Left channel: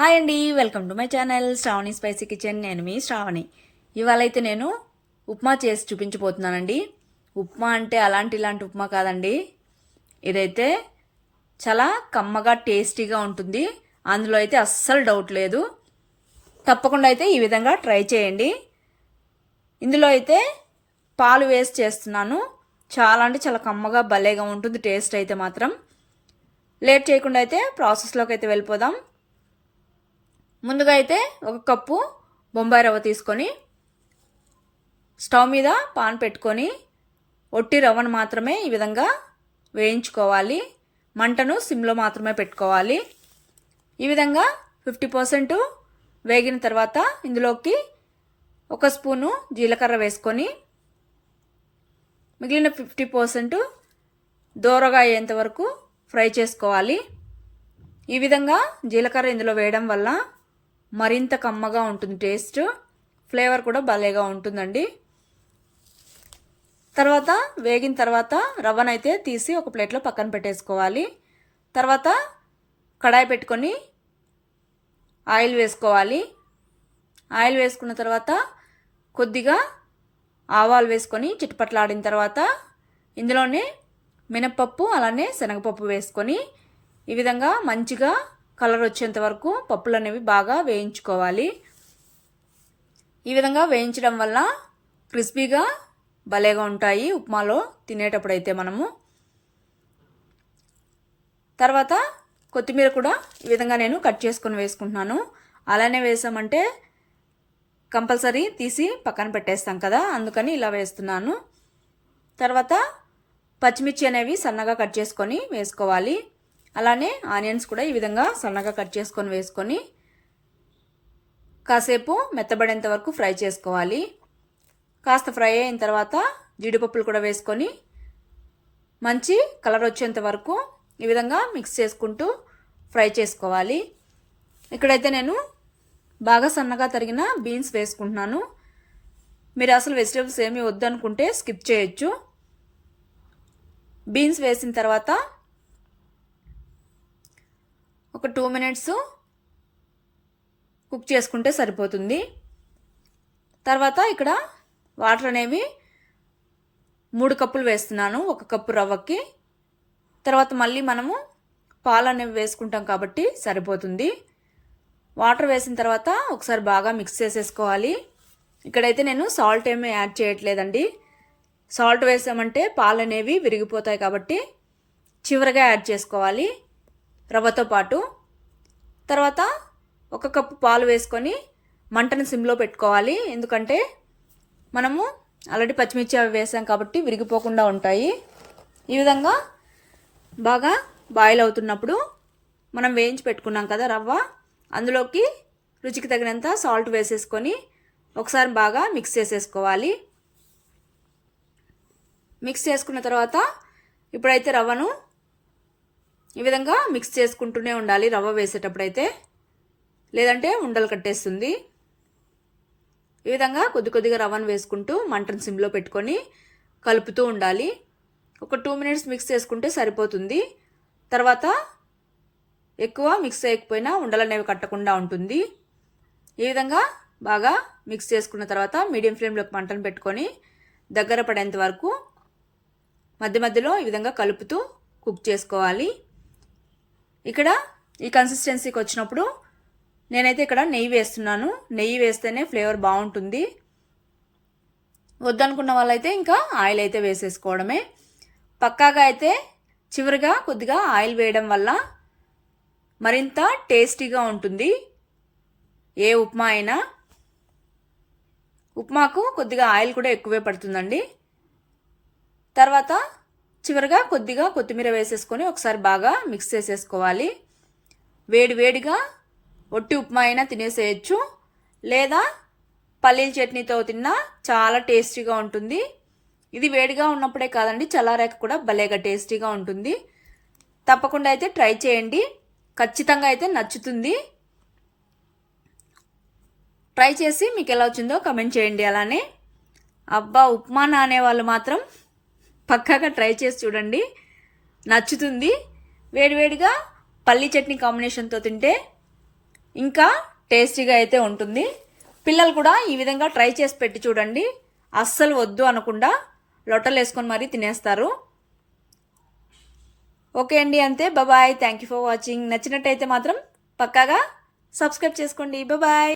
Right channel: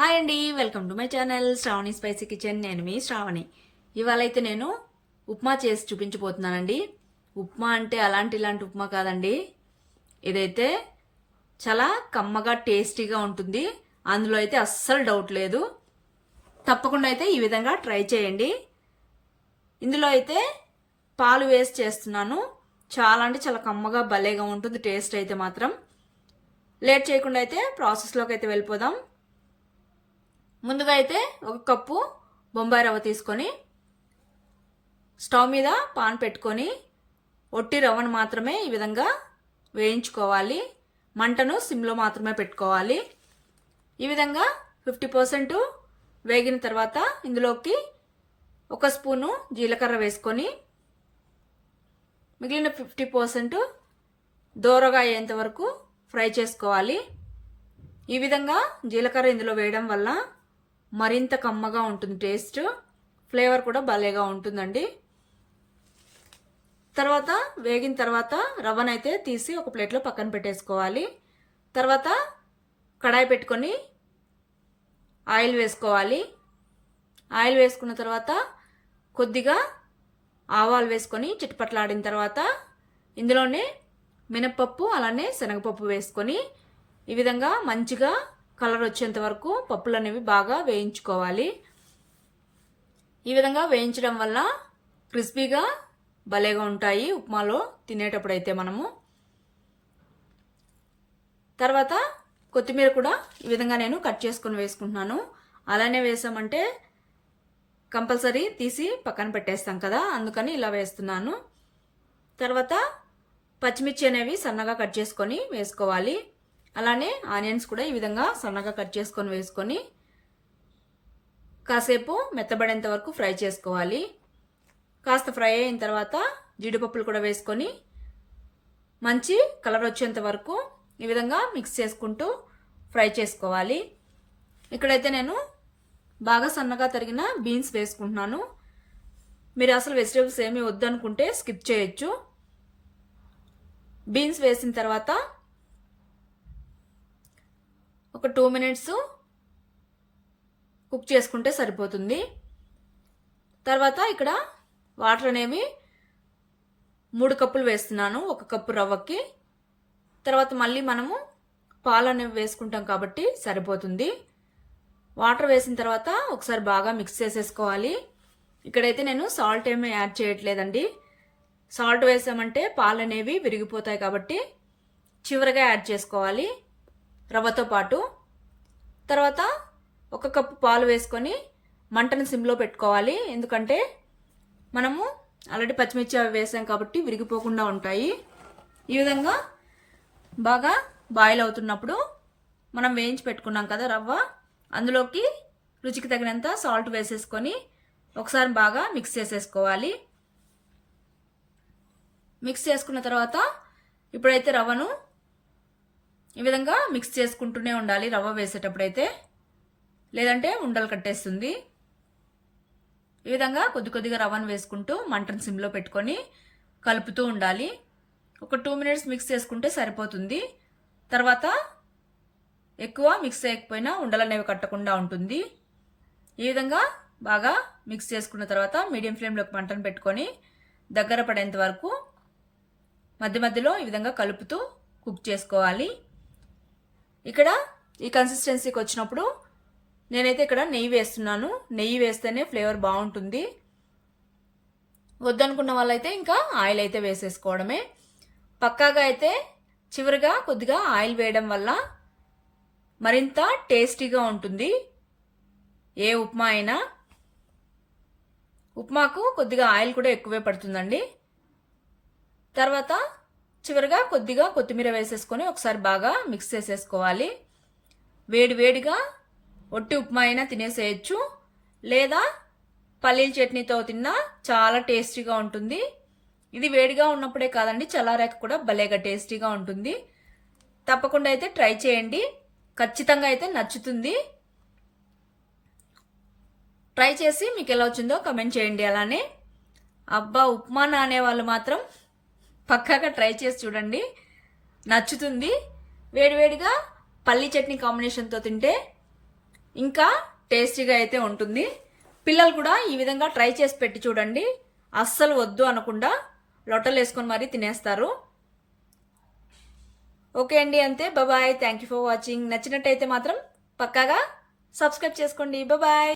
Hi అండి, welcome to my channel Sravani spicy kitchen. నేను మీ శ్రావణి. ఇవాళ అయితే నేను ఉప్మా చేసి చూపించబోతున్నానండి. ఉప్మా అంటే ఇలాంటి ఉప్మా కాదండి. ఇదైతే చాలా కమ్మగా టేస్టీగా ఉంటుంది. అందులో అయితే అస్సలు డౌట్ లేదు. తప్పకుండా అయితే ఈ విధంగా ట్రై చేయండి. ఇందులో అయితే పాలు వేసి చేస్తున్నాను. చాలా అంటే చాలా కమ్మగా భలేగా ఉంటుంది టేస్ట్ అయితే మాత్రం. లేట్ చేయకుండా అయితే ప్రాసెస్లోకి అయితే వెళ్ళిపోదాం. ముందుగా అయితే ఒక కప్పు బొంబాయి రవ్వ తీసుకొని స్టవ్ మీద పాన్ పెట్టుకొని ఒట్టి రవ్వను మాత్రమే ఈ విధంగా వేయించుకోవాలి. మంటను సిమ్లో మాత్రమే పెట్టుకోవాలి. ఈ విధంగా 50% వేగిన తర్వాత ఇందులోకి ఒక స్పూను జీలకర్ర వేసుకొని మిగిలిన 50% దోరగా అయ్యేంత వరకు ఫ్రై చేసుకోవాలి. ఈ విధంగా జీలకర్ర ఇందులో వేయడం వల్ల మరింత కమ్మగా ఉంటుంది టేస్ట్. ఫ్లేవర్ కూడా భలేగా ఉంటుందండి. తర్వాత వేగిన తర్వాత రవ్వనైతే తీసి ఒక ప్లేట్లో పక్కన పెట్టేసుకోవాలి. తర్వాత కడాయి పెట్టుకొని ఆయిల్ వేసుకోవాలి. ఆయిల్ వేసుకున్న తర్వాత కొద్దిగా ఆవాలు వేసుకొని చిటపట్లాడిన తర్వాత ఇందులోనే మినప్పప్పు అలానే శనగపప్పు వేసుకొని ఈ విధంగా మంచిగా కలర్ వచ్చేంత వరకు పప్పులు అనేవి బాగా వేయించుకోవాలి. ఈ విధంగా వేయించడం వల్ల క్రిస్పీగా భలేగా ఉంటాయి ఉప్మాలో తినేటప్పుడు అయితే మనము. తర్వాత కొత్తిమీర కూడా ఈ విధంగా నేను కట్ చేసుకొని వేసుకుంటున్నాను. అలానే వేసామంటే కంపల్సరీ తీసి పక్కన పెట్టేస్తాం కదా, అందుకని ఇలా వేస్తున్నాను. తర్వాత పచ్చిమిర్చి అనేవి సన్నగా కట్ చేసుకొని వేసుకోవాలి. అలానే ఆనియన్స్ కూడా ఈ విధంగా సన్నగా కట్ చేసుకొని వేసుకొని కాసేపు మెత్తబడేంత వరకు ఫ్రై చేసుకోవాలి. కాస్త ఫ్రై అయిన తర్వాత జీడిపప్పులు కూడా వేసుకొని మంచి కలర్ వచ్చేంత వరకు ఈ విధంగా మిక్స్ చేసుకుంటూ ఫ్రై చేసుకోవాలి. ఇక్కడైతే నేను బాగా సన్నగా తరిగిన బీన్స్ వేసుకుంటున్నాను. మీరు అసలు వెజిటేబుల్స్ ఏమీ వద్దనుకుంటే స్కిప్ చేయొచ్చు. బీన్స్ వేసిన తర్వాత ఒక 2 minutes కుక్ చేసుకుంటే సరిపోతుంది. తర్వాత ఇక్కడ వాటర్ అనేవి 3 కప్పులు వేస్తున్నాను ఒక కప్పు రవ్వకి. తర్వాత మళ్ళీ మనము పాలు అనేవి వేసుకుంటాం కాబట్టి సరిపోతుంది. వాటర్ వేసిన తర్వాత ఒకసారి బాగా మిక్స్ చేసేసుకోవాలి. ఇక్కడైతే నేను సాల్ట్ ఏమీ యాడ్ చేయట్లేదండి. సాల్ట్ వేసామంటే పాలు అనేవి విరిగిపోతాయి కాబట్టి చివరగా యాడ్ చేసుకోవాలి రవ్వతో పాటు. తర్వాత ఒక కప్పు పాలు వేసుకొని మంటను సిమ్లో పెట్టుకోవాలి. ఎందుకంటే మనము ఆల్రెడీ పచ్చిమిర్చి అవి వేసాం కాబట్టి విరిగిపోకుండా ఉంటాయి. ఈ విధంగా బాగా బాయిల్ అవుతున్నప్పుడు మనం వేయించి పెట్టుకున్నాం కదా రవ్వ, అందులోకి రుచికి తగినంత సాల్ట్ వేసేసుకొని ఒకసారి బాగా మిక్స్ చేసేసుకోవాలి. మిక్స్ చేసుకున్న తర్వాత ఇప్పుడైతే రవ్వను ఈ విధంగా మిక్స్ చేసుకుంటూనే ఉండాలి రవ్వ వేసేటప్పుడైతే, లేదంటే ఉండలు కట్టేస్తుంది. ఈ విధంగా కొద్దిగా రవ్వను వేసుకుంటూ మంటను సిమ్లో పెట్టుకొని కలుపుతూ ఉండాలి. ఒక 2 minutes మిక్స్ చేసుకుంటే సరిపోతుంది. తర్వాత ఎక్కువ మిక్స్ చేయకపోయినా ఉండలు అనేవి కట్టకుండా ఉంటుంది. ఈ విధంగా బాగా మిక్స్ చేసుకున్న తర్వాత మీడియం ఫ్లేమ్లోకి మంటను పెట్టుకొని దగ్గర పడేంత వరకు మధ్య మధ్యలో ఈ విధంగా కలుపుతూ కుక్ చేసుకోవాలి. ఇక్కడ ఈ కన్సిస్టెన్సీకి వచ్చినప్పుడు నేనైతే ఇక్కడ నెయ్యి వేస్తున్నాను. నెయ్యి వేస్తేనే ఫ్లేవర్ బాగుంటుంది. వద్దనుకున్న వాళ్ళైతే ఇంకా ఆయిల్ అయితే వేసేసుకోవడమే. పక్కాగా అయితే చివరిగా కొద్దిగా ఆయిల్ వేయడం వల్ల మరింత టేస్టీగా ఉంటుంది ఏ ఉప్మా అయినా. ఉప్మాకు కొద్దిగా ఆయిల్ కూడా ఎక్కువే పడుతుందండి. తర్వాత చివరిగా కొద్దిగా కొత్తిమీర వేసేసుకొని ఒకసారి బాగా మిక్స్ చేసేసుకోవాలి. వేడిగా ఒట్టి ఉప్మా అయినా తినేసేయచ్చు, లేదా పల్లీల చట్నీతో తిన్నా చాలా టేస్టీగా ఉంటుంది. ఇది వేడిగా ఉన్నప్పుడే కాదండి, చల్లారాక కూడా భలేగా టేస్టీగా ఉంటుంది. తప్పకుండా అయితే ట్రై చేయండి, ఖచ్చితంగా అయితే నచ్చుతుంది. ట్రై చేసి మీకు ఎలా వచ్చిందో కమెంట్ చేయండి. అలానే అబ్బా ఉప్మా నానే వాళ్ళు మాత్రం పక్కాగా ట్రై చేసి చూడండి, నచ్చుతుంది. వేడివేడిగా పల్లీ చట్నీ కాంబినేషన్తో తింటే ఇంకా టేస్టీగా అయితే ఉంటుంది. పిల్లలు కూడా ఈ విధంగా ట్రై చేసి పెట్టి చూడండి, అస్సలు వద్దు అనకుండా లొట్టలు వేసుకొని మరీ తినేస్తారు. ఓకే అండి, అంతే. Bye. Thank you for watching. నచ్చినట్టయితే మాత్రం పక్కాగా సబ్స్క్రైబ్ చేసుకోండి. బాయ్.